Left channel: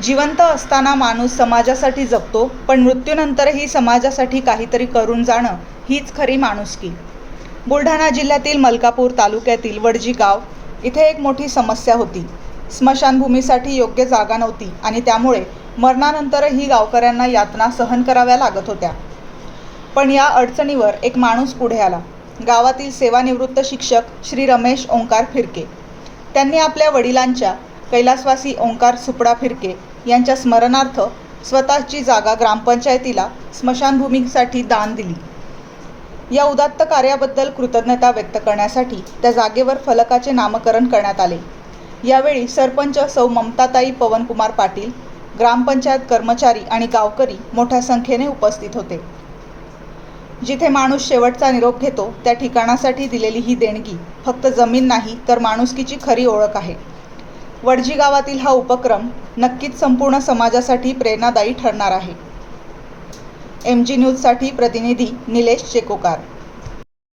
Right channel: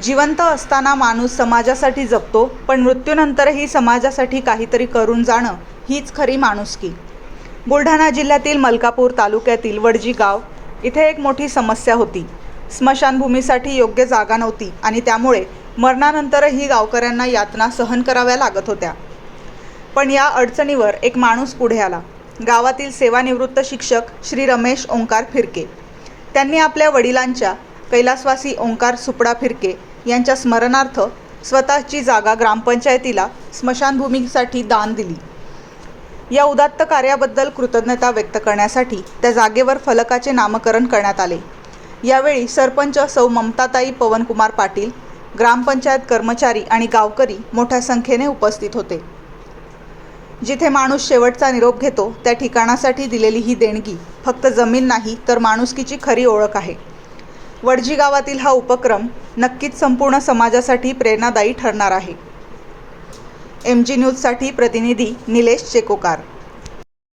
जिवंत असताना माणूस समाजासाठी जगतो, पण मृत्यूनंतरही समाजासाठी काहीतरी करून जाणं हीच खरी माणुसकी. बुलढाणा जिल्ह्यातील मलकापूर तालुक्यातील वडजी गाव इथे एक मोठी समस्या होती. स्मशानभूमीसाठी योग्य जागा नव्हती आणि त्यामुळे मरणानंतरही गावकऱ्यांना यातना सहन कराव्या लागत होत्या. पण या अडचणीवर एक माणूस पुढे आला. गावातील सेवानिवृत्त शिक्षक श्री रमेश ओंकार फिरके. त्यांनी आपल्या वडिलांच्या कैलासवासी ओंकार सुपडा फिरके यांच्या स्मरणार्थ स्वतःची जागा ग्रामपंचायतीला स्मशानभूमीसाठी दान दिली. या उदात्त कार्याबद्दल कृतज्ञता व्यक्त करण्यासाठी त्या जागेवर फलकाचे नामकरण करण्यात आले. यावेळी सरपंच सौ ममताताई पवनकुमार पाटील, ग्रामपंचायत कर्मचारी आणि गावकरी मोठ्या संख्येने उपस्थित होते. जिथे माणूस शेवटचा निरोप घेतो त्या ठिकाणासाठी दिलेली ही देणगी फक्त जमीन नाही तर माणुसकीची खरी ओळख आहे. वडजी गावातील हा उपक्रम नक्कीच संपूर्ण समाजासाठी प्रेरणादायी ठरणार आहे. MG न्यूजसाठी प्रतिनिधी निलेश चेकोकार.